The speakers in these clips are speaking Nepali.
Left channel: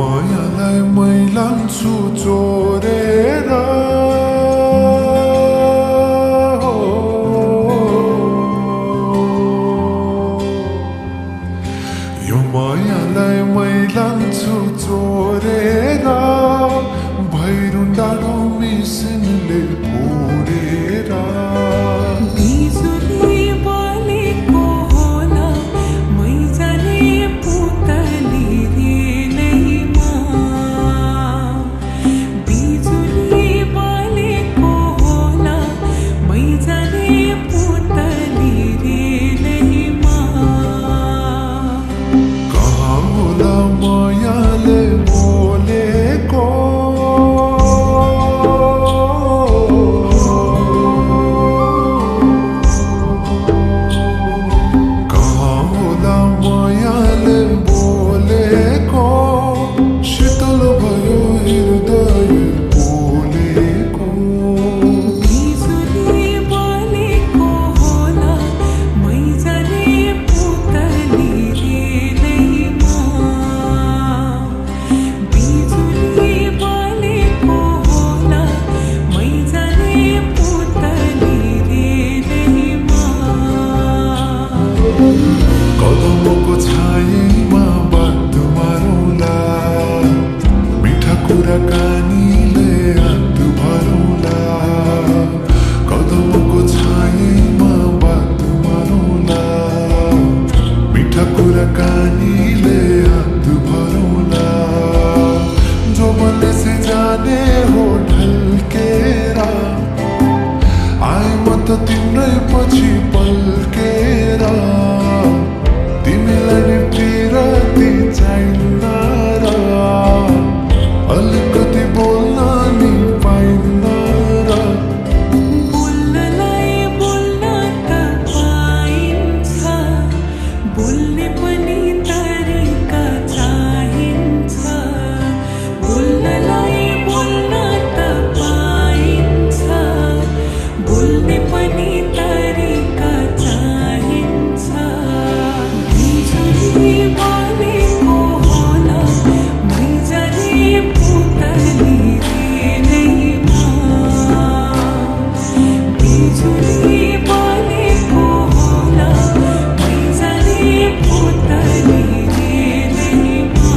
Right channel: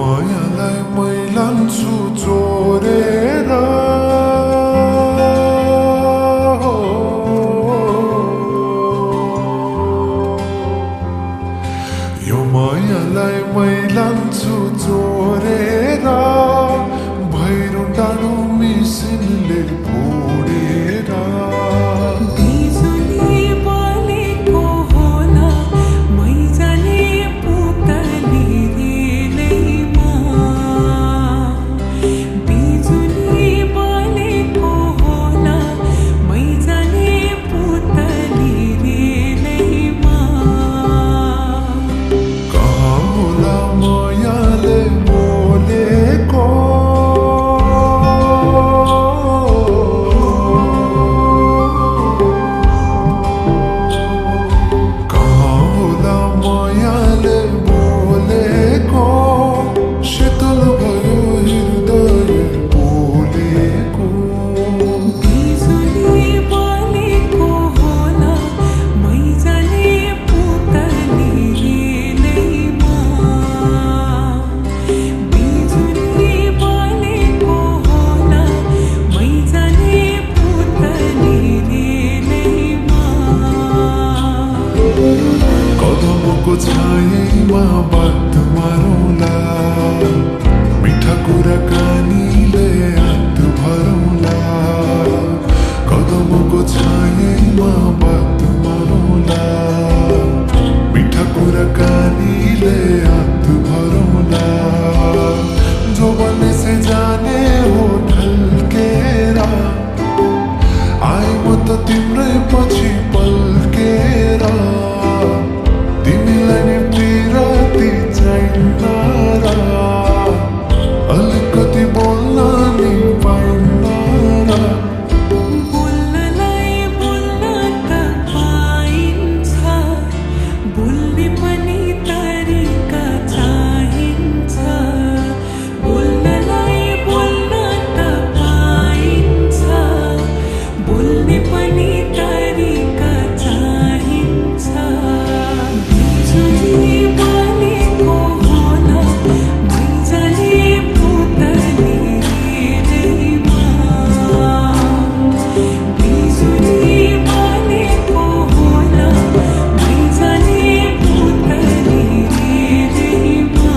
मायालाई मै लान्छु चोरेर यो मायालाई मै लान्छु चोरेर भैरुन डाँडो मिसिनले फोडेर बिजुली बलेको होला मै जाने पुतली रेलैमा बिजुली बलेको होला मै जाने पुतली रेलैमा कहाँ होला मायाले बोलेको मायाले बोलेको शीतल भयो हृदय बोलेको बिजुली बलेको होला मै जाने पुतली रेलैमा बिजुली बलेको होला मै जाने पुतली रेलैमा कदमको छायैमा बात मारौँला मिठा कुराकानीले हात भरौँला कदमको छायैमा बात मारौँला मिठा कुराकानीले हात भरौँला जो बने से जाने हो ढल्केर आए म त तिम्रै पछि पल्केर तिमीलाई नि पिरती चाहिन्न र अलिकति बोल्न नि पाइन्न र बोल्नलाई बोल्न त पाइन्छ बोल्ने पनि तरिका चाहिन्छ बोल्नलाई बोल्न त पाइन्छ बोल्ने पनि तरिका चाहिन्छ बिजुली बलेको होला मै जाने पुतली रेलैमा बिजुली बलेको होला मै जाने पुतली रेलैमा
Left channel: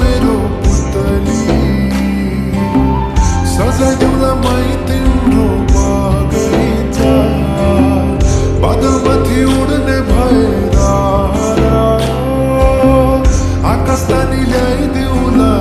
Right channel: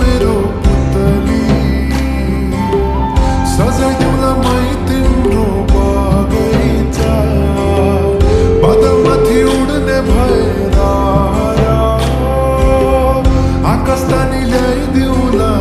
मेरो पुतली सजाइदिउँला मै तिम्रो बगैँचा बादलमाथि उड्ने भएर आकाश तानी ल्याइदिउँला